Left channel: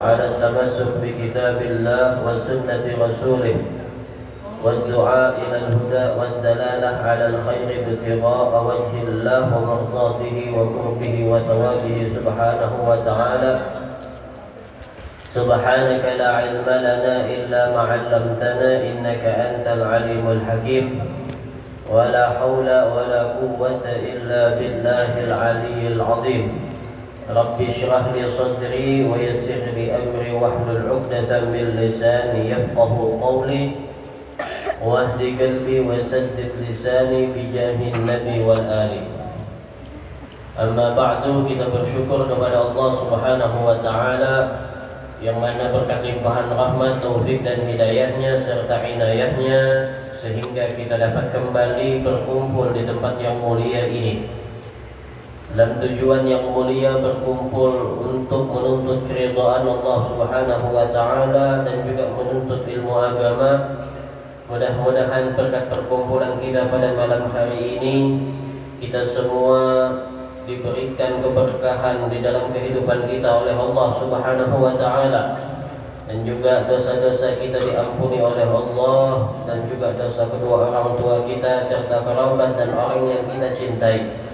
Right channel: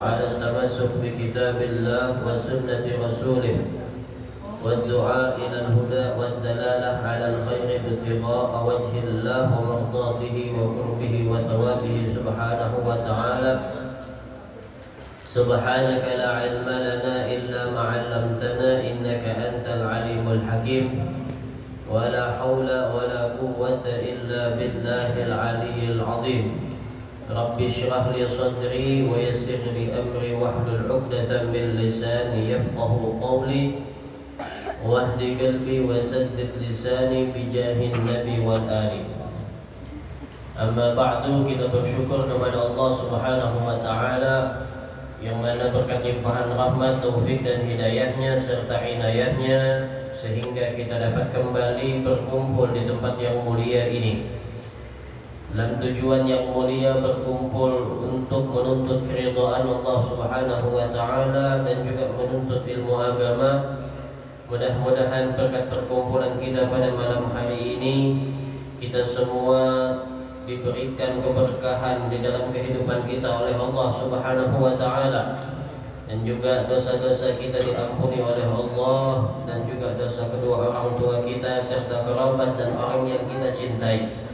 على التمسك بكتاب الله وسنة رسوله والدعاء إلى الهدى والدلالة على الخير ابتغاء وجه الله ومرضاته وقربه وثوابه سبحانه وتعالى. سبحانك لا علم لنا إلا ما علمتنا إنك أنت العليم الحكيم ولا حول ولا قوة إلا بالله العلي العظيم. Rabbi syrah li sadri wa yassir li amri wahlul 'uqdatam min lisani yafqahu qawli wahdi qalbi wa saddid lisani bi jahin nabi wal ali. Amma ba'du, kita bersyukur kepada Allah Subhanahu wa taala yang mana berkat limpahan rahmat, taufik dan hidayahnya serta inayahnya sehingga kita dapat kembali berkumpul di tempat yang mulia ini dalam tujuan yang mulia, berkumpul untuk menuntut keridhaan Allah Subhanahu wa taala dan juga menuntut ilmu agama. Mudah-mudahan berkat perkumpulan kita pada malam hari ini kita semua diberikan keberkahan di dalam kehidupan kita oleh Allah Subhanahu wa taala, dan juga dosa-dosa kita diampuni oleh Allah, dan juga dosa kedua orang tua kita serta kerabat dan orang yang kita cintai.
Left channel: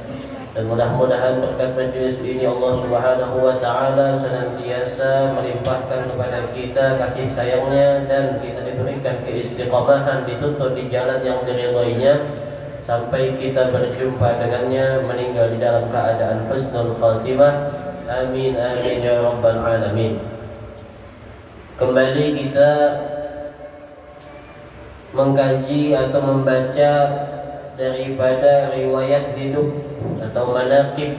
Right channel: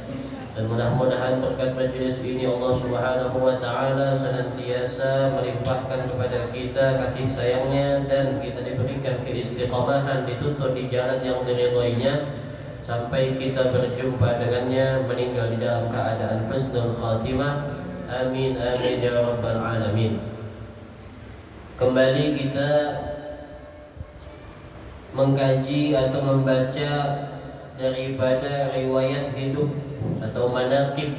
Dan mudah-mudahan berkat majelis ini Allah Subhanahu wa taala senantiasa melimpahkan kepada kita kasih sayangnya dan kita diberikan keistiqamahan dituntut di jalan yang diridhoinya sampai kita berjumpa dengannya meninggal di dalam keadaan husnul khatimah. Amin amin ya rabbal alamin. Kembali kita mengkaji atau membaca daripada riwayat hidup atau manaqib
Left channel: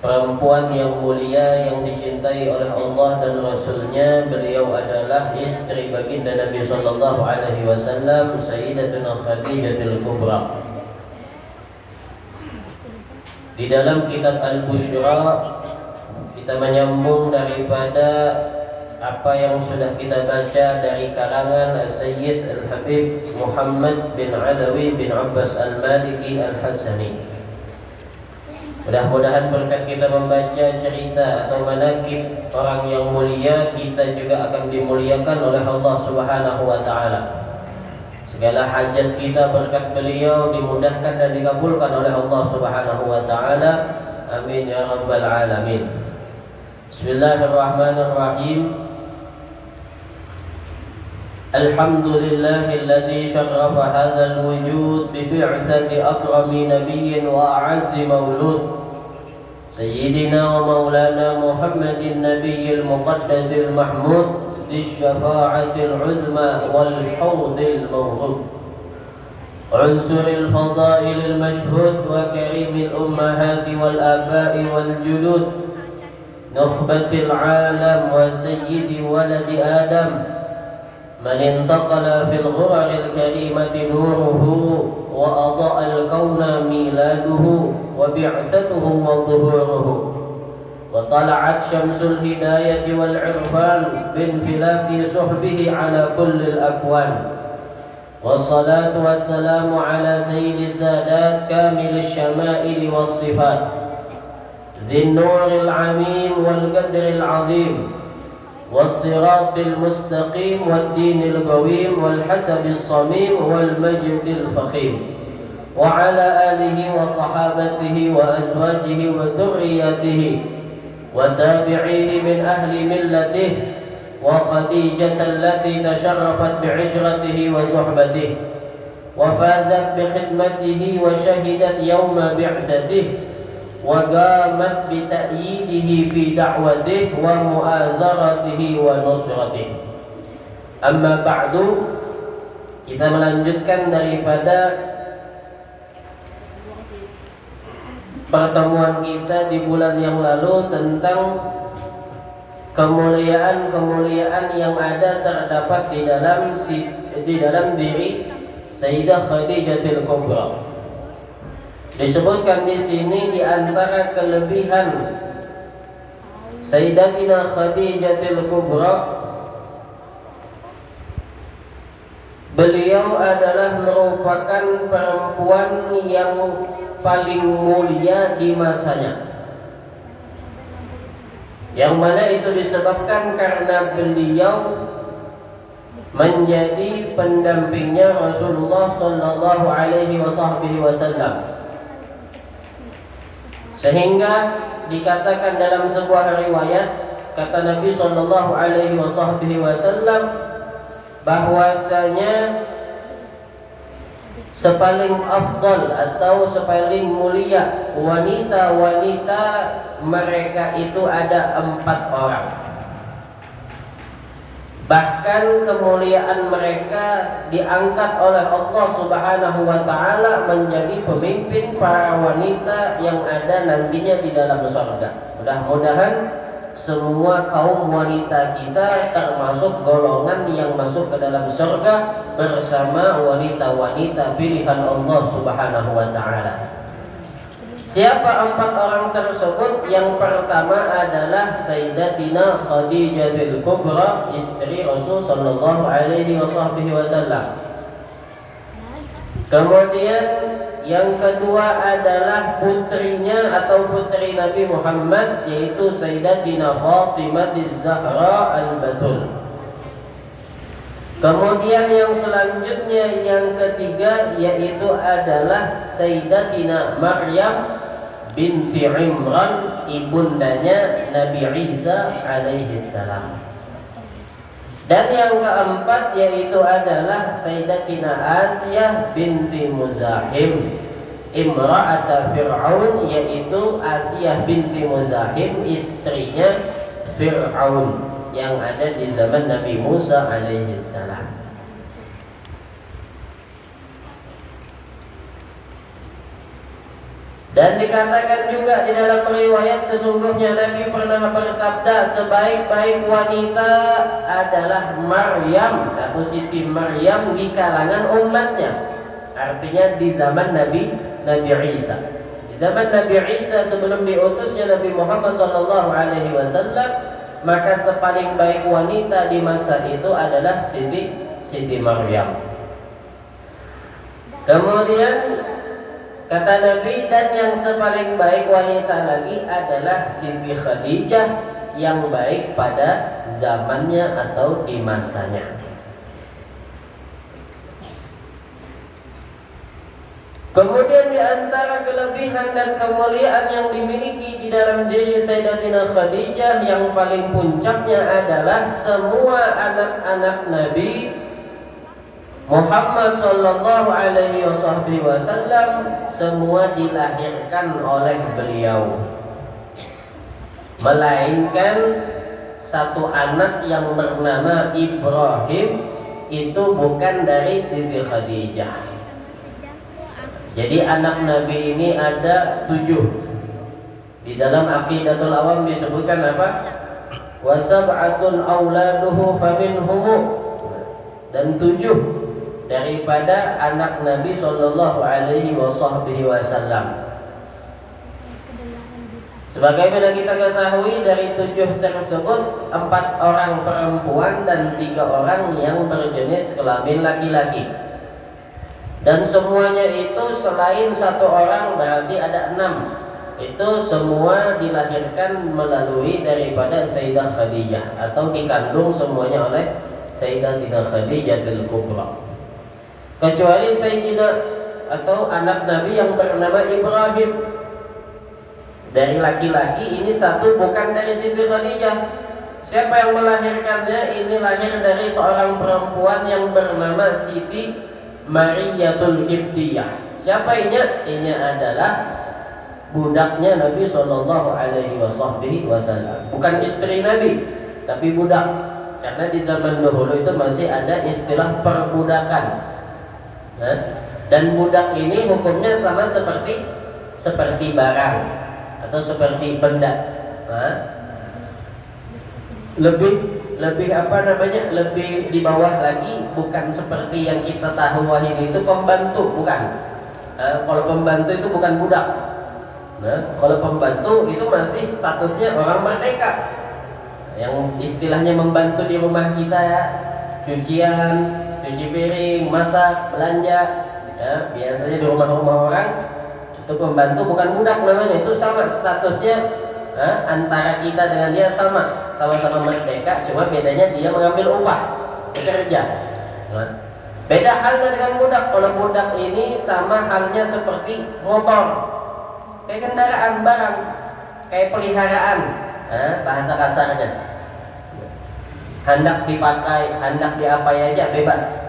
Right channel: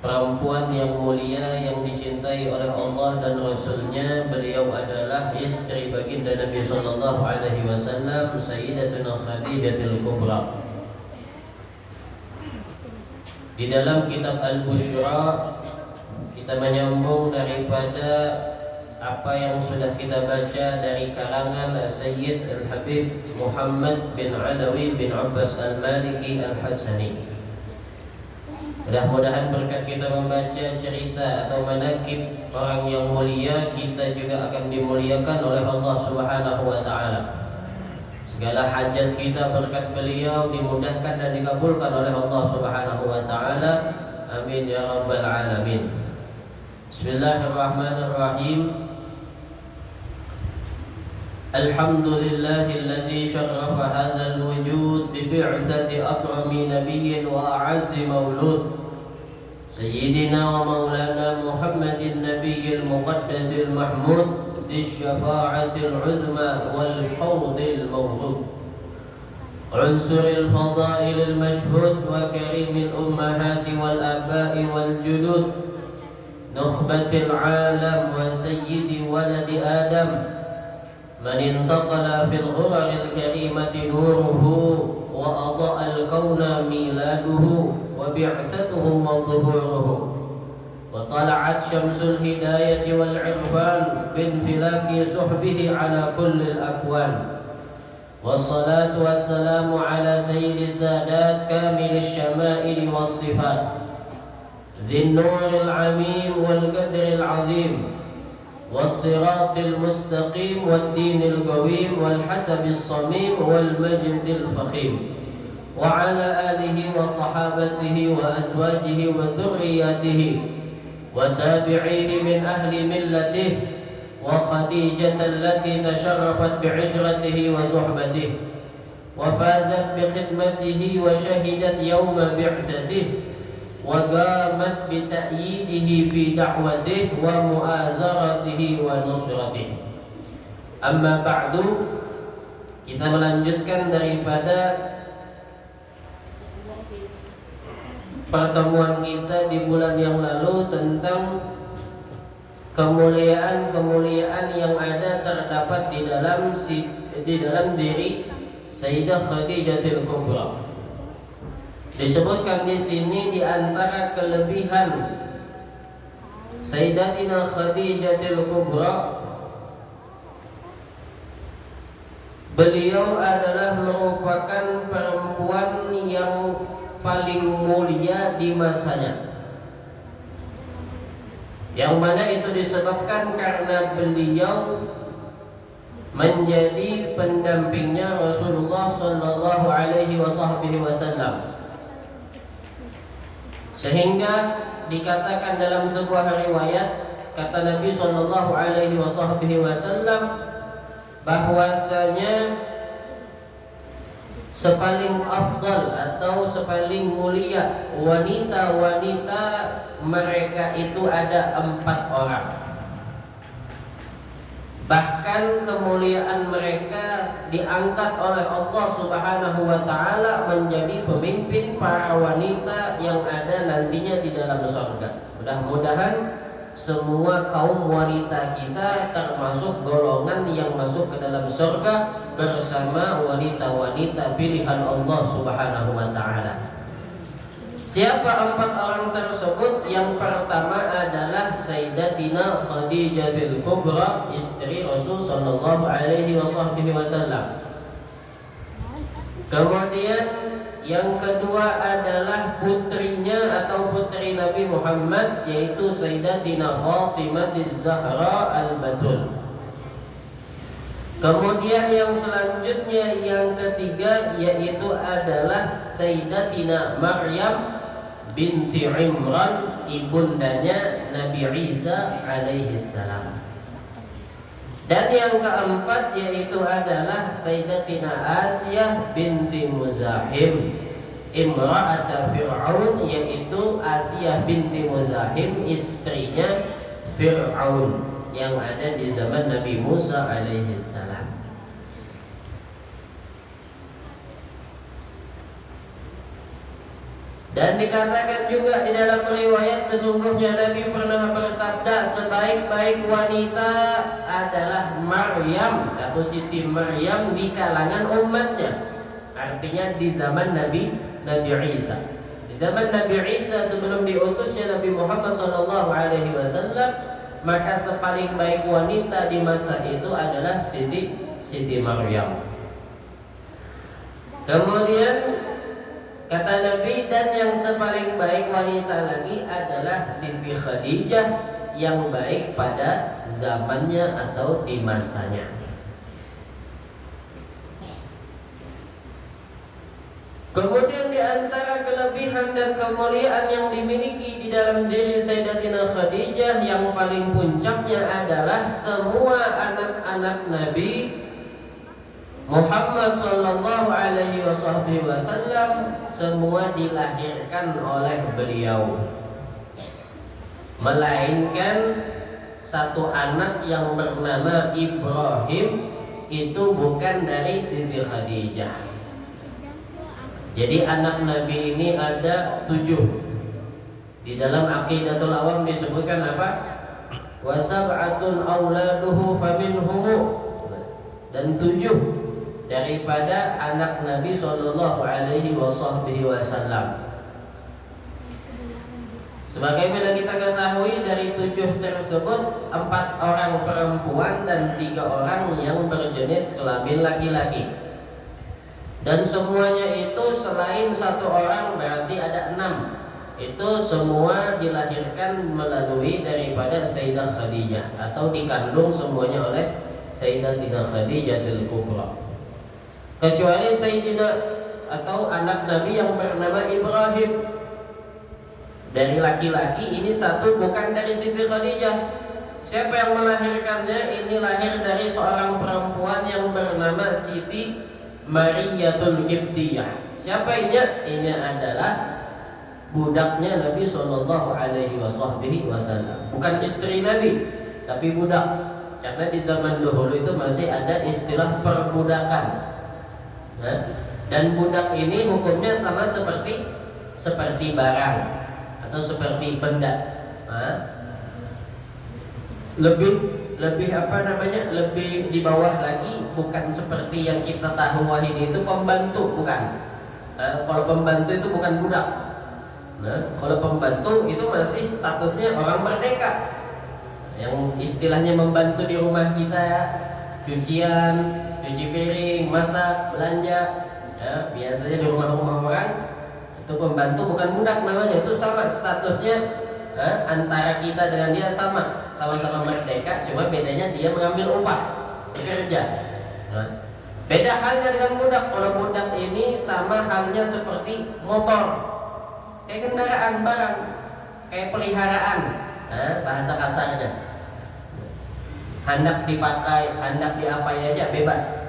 perempuan yang mulia yang dicintai oleh Allah dan Rasulnya. Beliau adalah istri baginda Nabi sallallahu alaihi wasallam, Sayyidatuna Khadijatul Kubra. Di dalam kitab Al-Busyra kita menyambung daripada apa yang sudah kita baca dari karangan Sayyid Al-Habib Muhammad bin Alawi bin Abbas Al-Maliki Al-Hasani. Mudah-mudahan berkat kita membaca cerita atau manaqib orang yang mulia, kita juga akan dimuliakan oleh Allah Subhanahu wa taala. Segala hajat kita berkat beliau dimudahkan dan dikabulkan oleh Allah Subhanahu wa taala. Amin ya rabbal alamin. Bismillahirrahmanirrahim. Alhamdulillahilladzi syarrafa hadzal wujud bi bi'tsati akrami nabiyyin wa a'azzi maulud Sayyidina wa maulana Muhammadin nabiyyil muqaddasil mahmud bisyafa'atil uzma wal hawdil mawrud unsuril fadailil mashhud wa karimil ummahati wal aba'i wal judud nukhbatil alam wa sayyidi waladi adam من انتقل في الغرر الكريمة نوره وأضاء الكون ميلاده وبعثته وظهوره وطلعت شمس الهداية والعرفان بانفلاك صحبه على كل الأكوان والصلاة والسلام على سيد السادات كامل الشمائل والصفات ذي النور العميم والقدر العظيم والصراط المستقيم والدين القويم والحسب الصميم والمجد الفخيم وعلى آله وصحابته وأزواجه وذريته وتابعيه من أهل ملته وخديجة التي تشرفت بعشرته وصحبته وفازت بخدمته وشهدت يوم بعثته وقامت بتأييده في دعوته ومؤازرته ونصرته. Amma ba'du, kita melanjutkan daripada pertemuan kita di bulan yang lalu tentang kemuliaan-kemuliaan yang ada terdapat di dalam diri Sayyidah Khadijatul Kubra. Disebutkan di sini di antara kelebihan Sayyidatina Khadijatul Kubra, beliau adalah merupakan perempuan yang paling mulia di masanya. yang mana itu disebabkan karena beliau menjadi pendampingnya Rasulullah sallallahu alaihi wasallam. Sehingga dikatakan dalam sebuah riwayat, kata Nabi sallallahu alaihi wasallam bahwasanya sepaling afdal atau sepaling mulia wanita-wanita mereka itu ada 4 orang. Bahkan kemuliaan mereka diangkat oleh Allah Subhanahu wa taala menjadi pemimpin para wanita yang ada nantinya di dalam surga. Mudah-mudahan semua kaum wanita kita termasuk golongan yang masuk ke dalam surga bersama wanita-wanita pilihan Allah Subhanahu wa taala. Siapa 4 orang tersebut? Yang pertama adalah Sayyidatina Khadijatul Kubra, istri Rasul sallallahu alaihi wasallam. Kemudian yang kedua adalah putrinya atau putri Nabi Muhammad, yaitu Sayyidatina Fatimah Az-Zahra Al-Batul. Kemudian yang selanjutnya yang ketiga yaitu adalah Sayyidatina Maryam binti Imran, ibundanya Nabi Isa alaihi salam. Dan yang keempat yaitu adalah Sayyidatina Asiyah binti Muzahim, imra'at Fir'aun, yaitu Asiyah binti Muzahim, istrinya Fir'aun yang ada di zaman Nabi Musa alaihi salam. Dan dikatakan juga di dalam riwayat, sesungguhnya Nabi pernah bersabda, sebaik-baik wanita adalah Maryam atau Siti Maryam di kalangan umatnya. Artinya di zaman Nabi Isa. Di zaman Nabi Isa sebelum diutusnya Nabi Muhammad SAW, maka sepaling baik wanita di masa itu adalah Siti Maryam. Kemudian kata Nabi, dan yang sepaling baik wanita lagi adalah Siti Khadijah yang baik pada zamannya atau di masanya. Kemudian di antara kelebihan dan kemuliaan yang dimiliki di dalam diri Sayyidatina Khadijah yang paling puncaknya adalah semua anak-anak Nabi Muhammad sallallahu alaihi wasallam semua dilahirkan oleh beliau, melainkan satu anak yang bernama Ibrahim itu bukan dari Siti Khadijah. Jadi anak Nabi ini ada 7. Di dalam Aqidatul Awam disebutkan apa? Wa sab'atun auladuhu faminhum, dan 7 daripada anak Nabi sallallahu alaihi wasallam. Sebagaimana kita ketahui, dari 7 tersebut 4 orang perempuan dan 3 orang yang berjenis kelamin laki-laki. Dan semuanya itu selain 1 orang berarti ada 6. Itu semua dilahirkan melalui daripada Sayyidah Khadijah atau dikandung semuanya oleh Sayyidatina Khadijatul Kubra. Kecuali Sayyidina atau anak Nabi yang bernama Ibrahim. Dari laki-laki ini 1 bukan dari Siti Khadijah. Siapa yang melahirkannya? Ini lahir dari seorang perempuan yang bernama Siti Mariyatul Qibtiyah. Siapa ini? Ini adalah budaknya Nabi sallallahu alaihi wasallam. Bukan istri Nabi, tapi budak. Karena di zaman dahulu itu masih ada istilah perbudakan. Dan budak ini hukumnya sama seperti barang atau seperti benda. Lebih apa namanya, lebih di bawah lagi, bukan seperti yang kita tahu ini itu pembantu, bukan. Kalau pembantu itu bukan budak. Kalau pembantu itu masih statusnya orang merdeka, yang istilahnya membantu di rumah kita, cucian, cuci piring, masak, belanja, ya, biasanya di rumah-rumah orang itu pembantu, bukan budak namanya. Itu sama statusnya antara kita dengan dia sama-sama merdeka, cuma bedanya dia mengambil upah bekerja. Beda halnya dengan budak. Kalau budak ini sama halnya seperti motor, kayak kendaraan barang, kayak peliharaan, bahasa kasarnya. Hendak dipakai, hendak diapai aja bebas,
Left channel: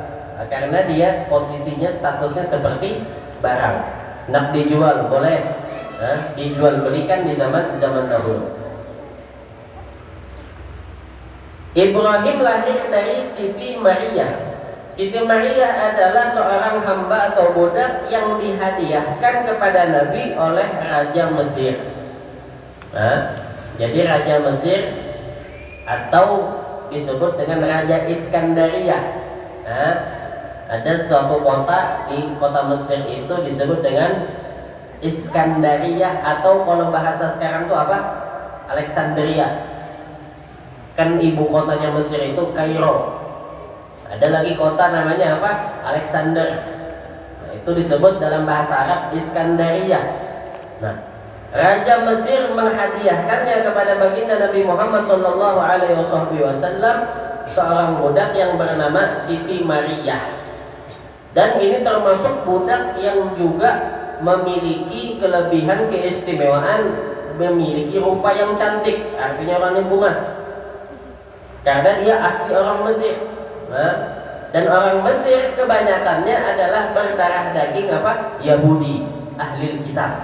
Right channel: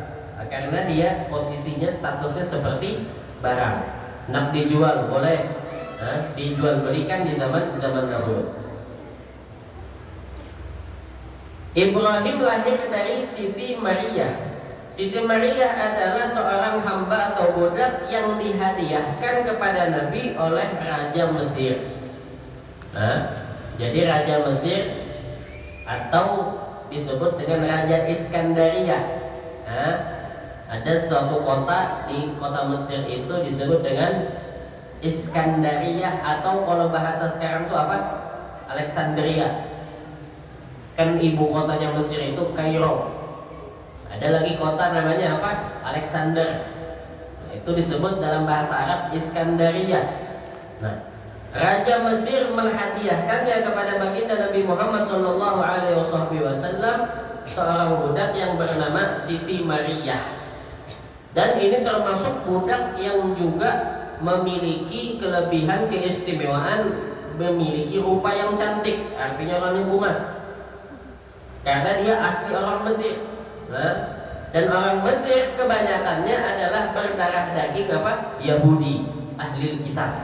karena dia posisinya statusnya seperti barang. Hendak dijual boleh, dijual belikan di zaman dahulu. Ibrahim lahir dari Siti Maria. Siti Maria adalah seorang hamba atau budak yang dihadiahkan kepada Nabi oleh Raja Mesir. Jadi Raja Mesir atau disebut dengan Raja Iskandaria. Ada suatu kota di kota Mesir itu disebut dengan Iskandaria, atau kalau bahasa sekarang itu apa? Alexandria. Kan ibu kotanya Mesir itu Kairo. Ada lagi kota namanya apa? Alexander. Itu disebut dalam bahasa Arab Iskandaria. Raja Mesir menghadiahkannya kepada baginda Nabi Muhammad SAW seorang budak yang bernama Siti Maria. Dan ini termasuk budak yang juga memiliki kelebihan keistimewaan, memiliki rupa yang cantik, artinya orang yang bungas, karena dia asli orang Mesir. Dan orang Mesir kebanyakannya adalah berdarah daging apa? Yahudi, ahli kitab.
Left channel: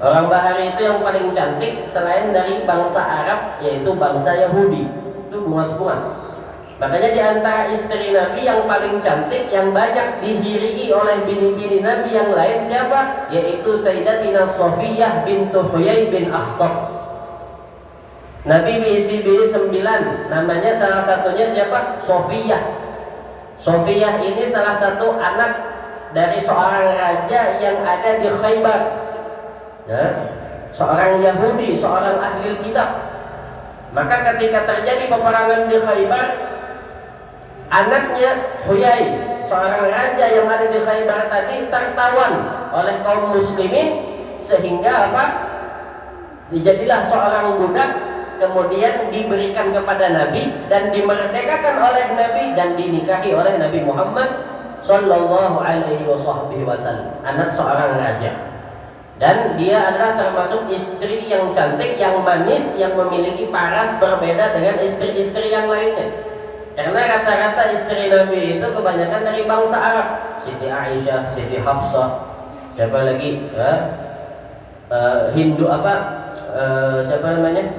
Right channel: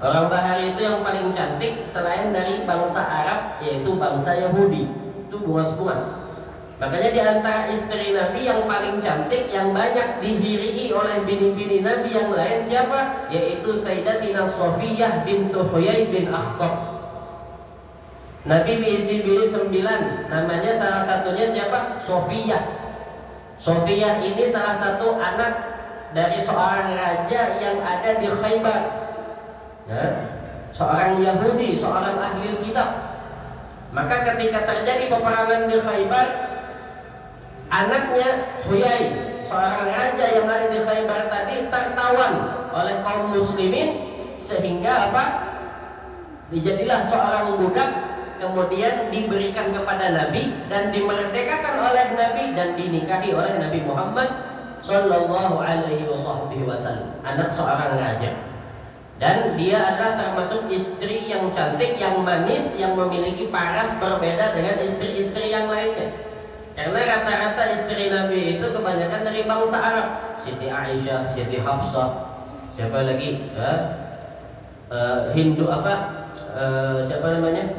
Orang Bahari itu yang paling cantik selain dari bangsa Arab, yaitu bangsa Yahudi, itu bungas-bungas. Makanya di antara istri Nabi yang paling cantik, yang banyak dihirii oleh bini-bini Nabi yang lain siapa? Yaitu Sayyidatina Sofiyah bintu Huyai bin Akhtab. Nabi diisi bini 9, namanya salah satunya siapa? Sofiyah. Sofiyah ini salah satu anak dari seorang raja yang ada di Khaybar. Seorang Yahudi, seorang ahli kitab. Maka ketika terjadi peperangan di Khaybar, anaknya Huyai, seorang raja yang ada di Khaybar tadi, tertawan oleh kaum muslimin, sehingga apa? Dijadilah seorang budak, kemudian diberikan kepada Nabi dan dimerdekakan oleh Nabi dan dinikahi oleh Nabi Muhammad Sallallahu Alaihi Wasallam, anak seorang raja. Dan dia adalah termasuk istri yang cantik, yang manis, yang memiliki paras berbeda dengan istri-istri yang lainnya. Karena rata-rata istri Nabi itu kebanyakan dari bangsa Arab. Siti Aisyah, Siti Hafsah, siapa lagi? Hindu apa? Siapa namanya?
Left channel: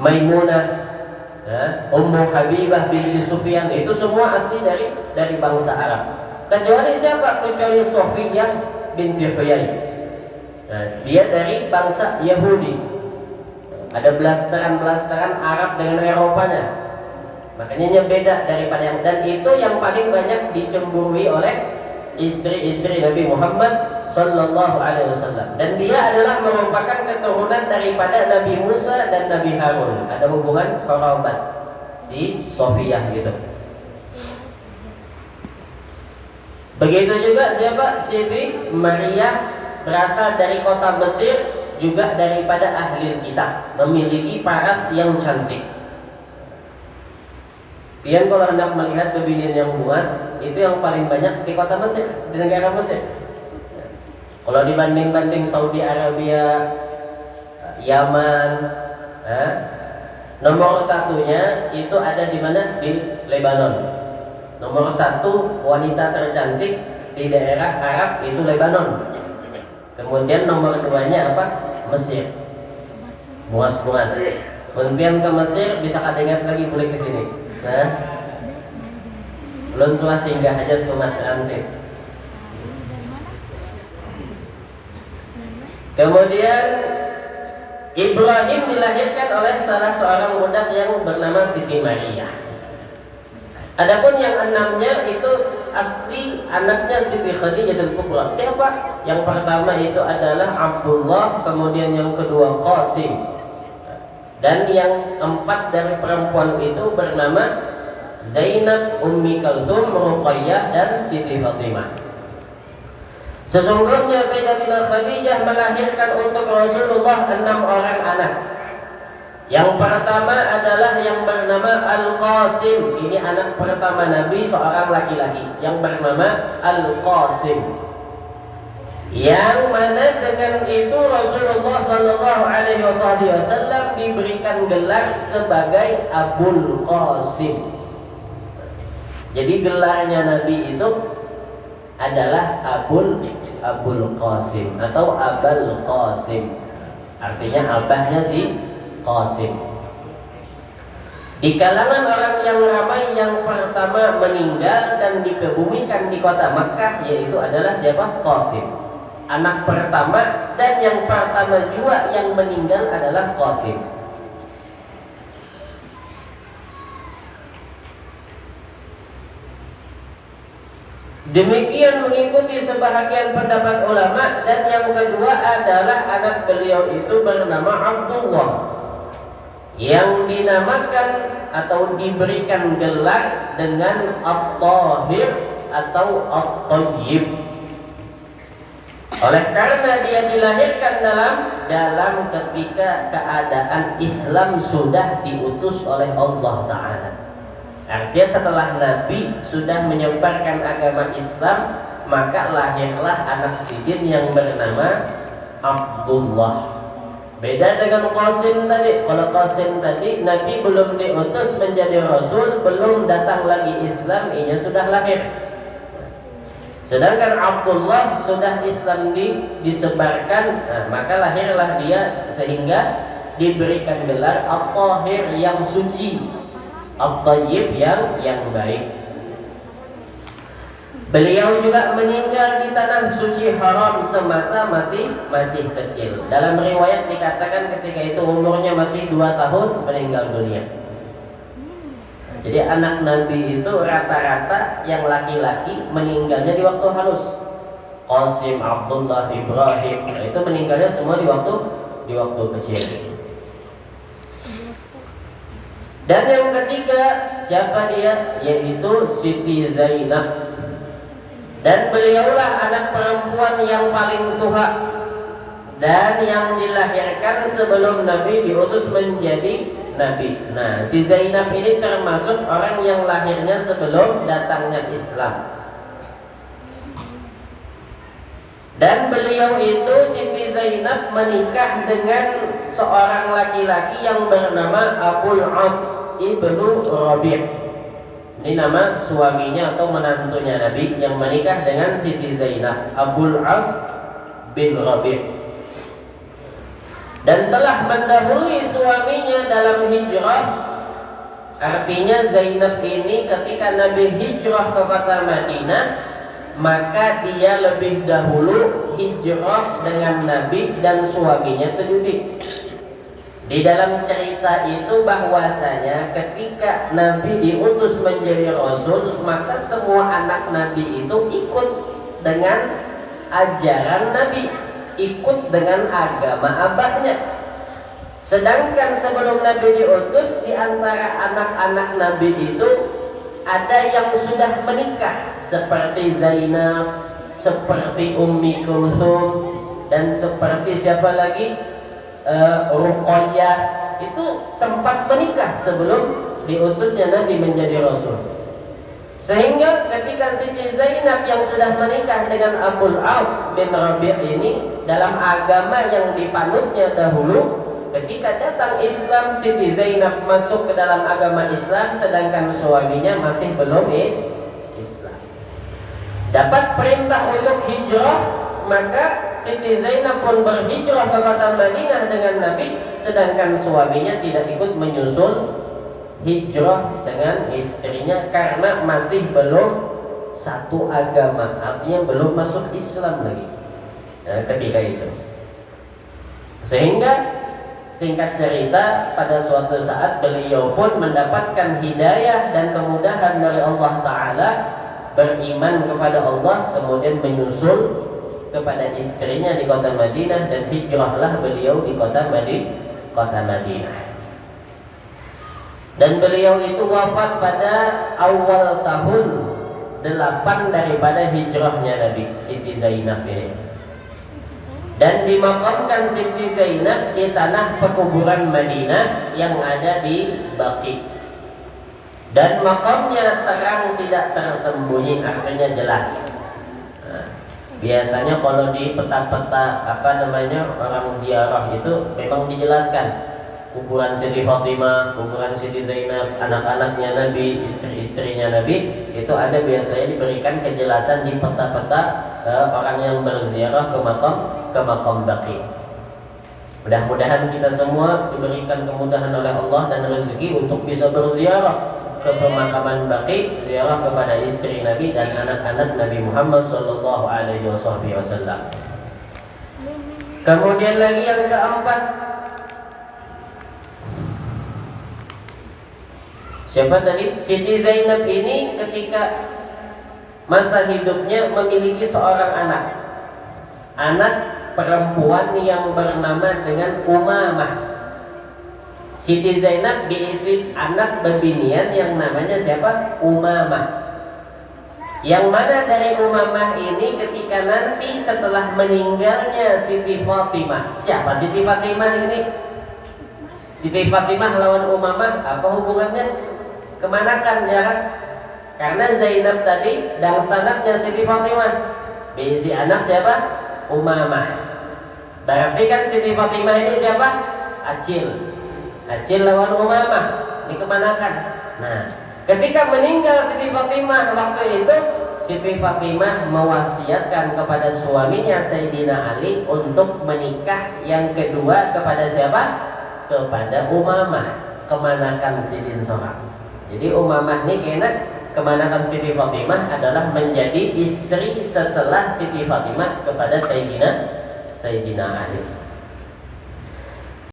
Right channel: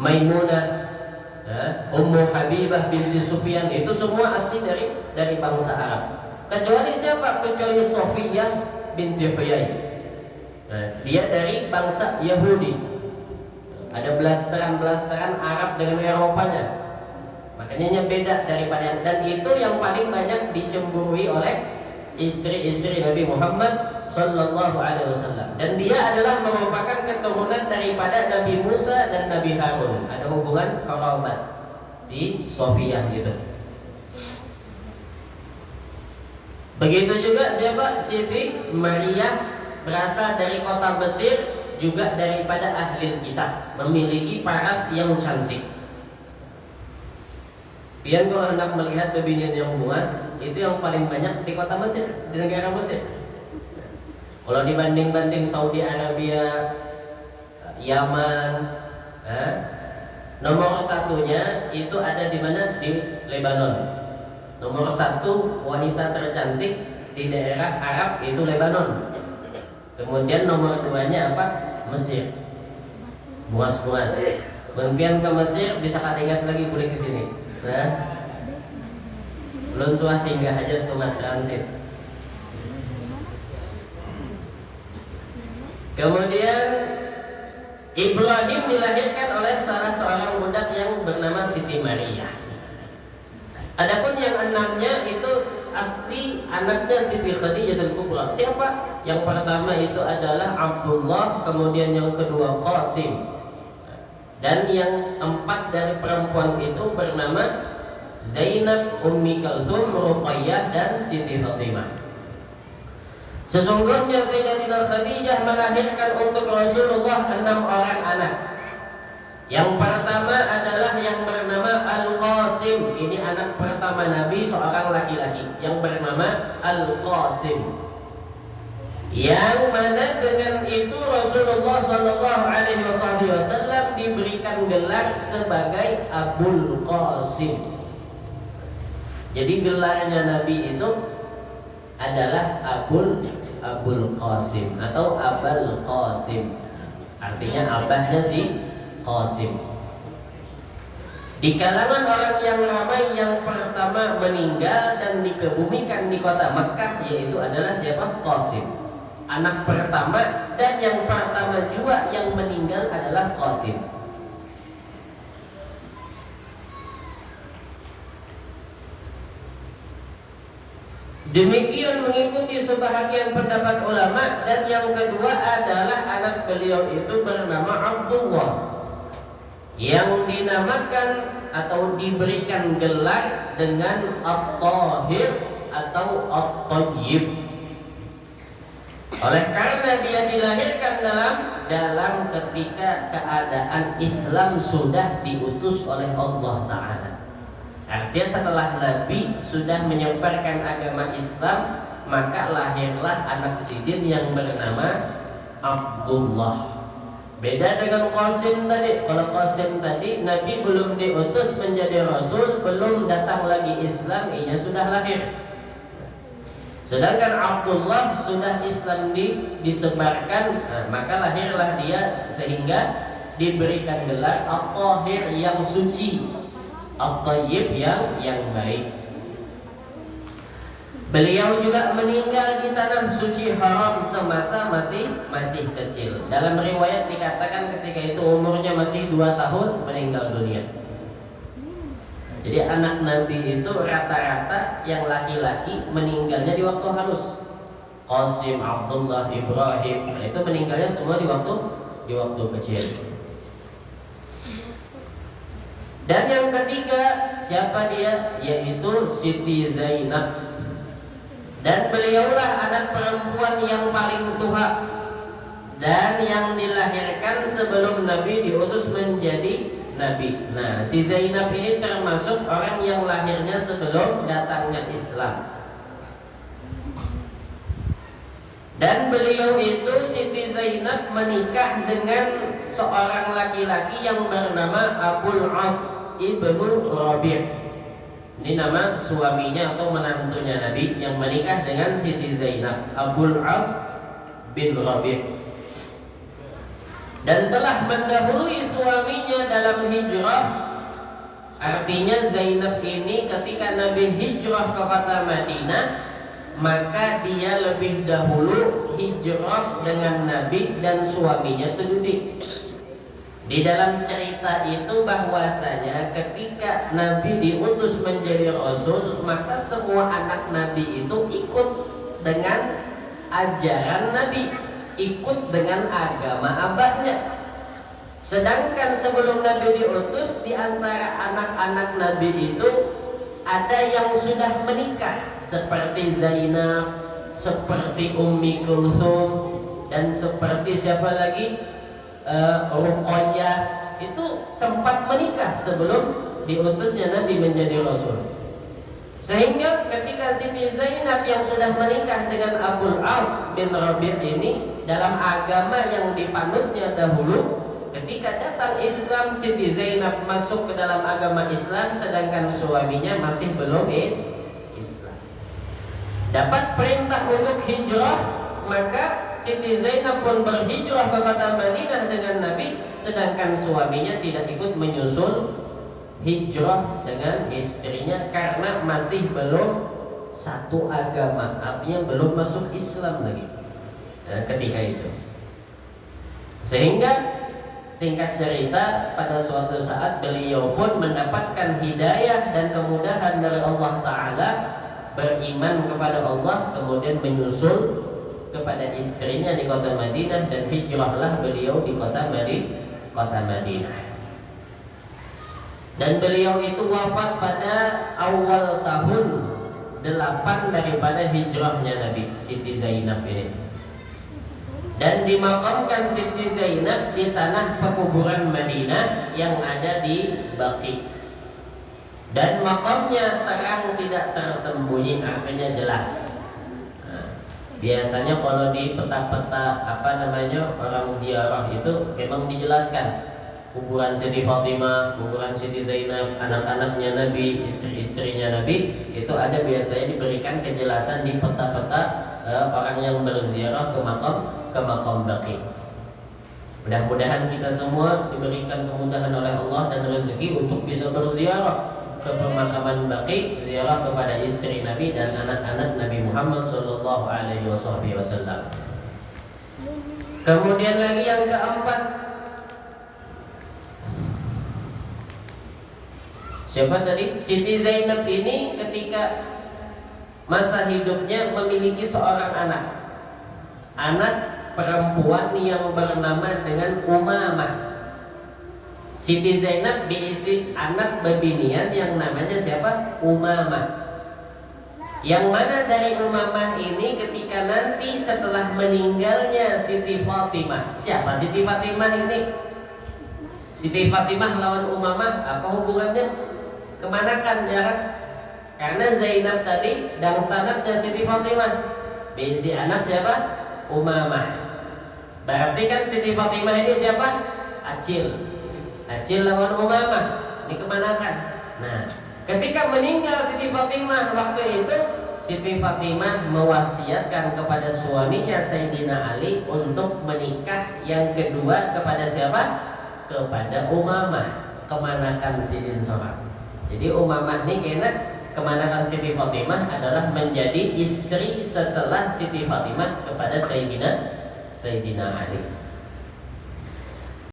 Maimunah, Ummu Habibah binti Sufyan, itu semua asli dari bangsa Arab. Kecuali siapa? Kecuali Sofiyah binti Huyai. Dia dari bangsa Yahudi. Ada blasteran Arab dengan Eropanya. Makanya beda daripada yang, dan itu yang paling banyak dicemburui oleh istri-istri Nabi Muhammad Sallallahu Alaihi Wasallam. Dan dia adalah merupakan keturunan daripada Nabi Musa dan Nabi Harun. Ada hubungan kerabat si Sofiyah gitu. Begitu juga siapa? Siti Maria, berasal dari kota Mesir, juga daripada ahli kitab, memiliki paras yang cantik. Kalian kalau hendak melihat kebinian yang luas, itu yang paling banyak di kota Mesir, di negara Mesir. Kalau dibanding Saudi Arabia, Yaman, nomor satunya itu ada di mana? Di Lebanon. Nomor satu wanita tercantik di daerah Arab itu Lebanon. Kemudian nomor duanya apa? Mesir. Bungas-bungas. Kemudian ke Mesir bisa ingat lagi boleh ke sini. Belum cuma singgah aja cuma transit. Kemudian Ibrahim dilahirkan oleh salah seorang budak yang bernama Siti Maria. Adapun yang enamnya itu asli anaknya Siti Khadijatul Kubra. Siapa? Yang pertama itu adalah Abdullah, kemudian yang kedua Qasim. Dan yang empat dari perempuan itu bernama Zainab, Ummi Kalsum, Ruqayyah, dan Siti Fatimah. Sesungguhnya Sayyidatina Khadijah melahirkan untuk Rasulullah 6 orang anak. Yang pertama adalah yang bernama Al-Qasim. Ini anak pertama Nabi, seorang laki-laki yang bernama Al-Qasim. Yang mana dengan itu Rasulullah Sallallahu Alaihi Wasallam diberikan gelar sebagai Abul Qasim. Jadi gelarnya Nabi itu adalah Abul Qasim atau Abul Qasim. Artinya abahnya si Qasim. Di kalangan orang yang ramai yang pertama meninggal dan dikebumikan di kota Makkah yaitu adalah siapa? Qasim. Anak pertama dan yang pertama juga yang meninggal adalah Qasim. Demikian mengikuti sebahagian pendapat ulama. Dan yang kedua adalah anak beliau itu bernama Abdullah, yang dinamakan atau diberikan gelar dengan At-Tahir atau At-Tayyib. Oleh karena dia dilahirkan dalam ketika keadaan Islam sudah diutus oleh Allah Ta'ala. Artinya setelah Nabi sudah menyebarkan agama Islam, maka lahirlah anak sidin yang bernama Abdullah. Beda dengan Qasim tadi. Kalau Qasim tadi Nabi belum diutus menjadi Rasul, belum datang lagi Islam, ia sudah lahir. Sedangkan Abdullah sudah Islam disebarkan, maka lahirlah dia sehingga diberikan gelar At-Tahir yang suci, At-Tayyib yang baik. Beliau juga meninggal di tanah suci haram semasa masih kecil. Dalam riwayat dikatakan ketika itu umurnya masih 2 tahun meninggal dunia. Jadi anak Nabi itu rata-rata yang laki-laki meninggalnya di waktu halus. Qasim, Abdullah, Ibrahim, itu meninggalnya semua di waktu kecil. Dan yang ketiga, siapa dia? Yaitu Siti Zainab. Dan beliaulah anak perempuan yang paling tua dan yang dilahirkan sebelum Nabi diutus menjadi Nabi. Nah, si Zainab ini termasuk orang yang lahirnya sebelum datangnya Islam. Dan beliau itu, Siti Zainab, menikah dengan seorang laki-laki yang bernama Abul As ibnu Rabi'. Ini nama suaminya atau menantunya Nabi yang menikah dengan Siti Zainab, Abul As bin Rabi'. Dan telah mendahului suaminya dalam hijrah. Artinya Zainab ini ketika Nabi hijrah ke kota Madinah, maka dia lebih dahulu hijrah dengan Nabi dan suaminya terdidik. Di dalam cerita itu bahwasanya ketika Nabi diutus menjadi Rasul, maka semua anak Nabi itu ikut dengan ajaran Nabi, ikut dengan agama abahnya. Sedangkan sebelum Nabi diutus, di antara anak-anak Nabi itu ada yang sudah menikah, seperti Zainab, seperti Ummi Kulthum, dan seperti siapa lagi? Ruqayyah. Itu sempat menikah sebelum diutusnya Nabi menjadi Rasul. Sehingga ketika Siti Zainab yang sudah menikah dengan Abul As bin Rabi' ini, dalam agama yang dipanutnya dahulu, ketika datang Islam, Siti Zainab masuk ke dalam agama Islam, sedangkan suaminya masih belum Islam. Dapat perintah untuk hijrah, maka Siti Zainab pun berhijrah ke kota Madinah dengan Nabi, sedangkan suaminya tidak ikut menyusul hijrah dengan istrinya karena masih belum satu agama, artinya belum masuk Islam lagi ketika itu. Sehingga singkat cerita, pada suatu saat beliau pun mendapatkan hidayah dan kemudahan dari Allah Ta'ala, beriman kepada Allah, kemudian menyusul kepada istrinya di kota Madinah, dan hijrahlah beliau di kota Madinah. Dan beliau itu wafat pada awal tahun 8 daripada hijrahnya Nabi, Siti Zainab ini. Dan dimakamkan Siti Zainab di tanah pekuburan Madinah yang ada di Baqi. Dan makamnya terang, tidak tersembunyi, artinya jelas. Nah, biasanya kalau di peta-peta orang ziarah itu memang dijelaskan kuburan Siti Fatimah, kuburan Siti Zainab, anak-anaknya Nabi, istri-istrinya Nabi, itu ada biasanya diberikan kejelasan di peta-peta orang yang berziarah ke makam Baqi. Mudah-mudahan kita semua diberikan kemudahan oleh Allah dan rezeki untuk bisa berziarah ke pemakaman Baqi, ziarah kepada istri Nabi dan anak-anak Nabi Muhammad sallallahu alaihi wasallam. Kemudian lagi yang keempat, siapa tadi? Siti Zainab ini ketika masa hidupnya memiliki seorang anak perempuan yang bernama dengan Umamah. Siti Zainab diisi anak bebinian yang namanya siapa? Umamah. Yang mana dari Umamah ini ketika nanti setelah meninggalnya Siti Fatimah. Siapa Siti Fatimah ini? Siti Fatimah lawan Umamah apa hubungannya? Kemanakan ya kan? Karena Zainab tadi dan sanadnya Siti Fatimah. Diisi anak siapa? Umamah. Berarti kan Siti Fatimah ini siapa? Acil lawan Umamah. Ini kemanakan? Nah, ketika meninggal Siti Fatimah waktu itu, Siti Fatimah mewasiatkan kepada suaminya Sayyidina Ali untuk menikah yang kedua kepada siapa? Kepada Umamah, kemanakan Sidin Sohab. Jadi Umamah ini kena kemanakan Siti Fatimah adalah menjadi istri setelah Siti Fatimah kepada Sayyidina Ali.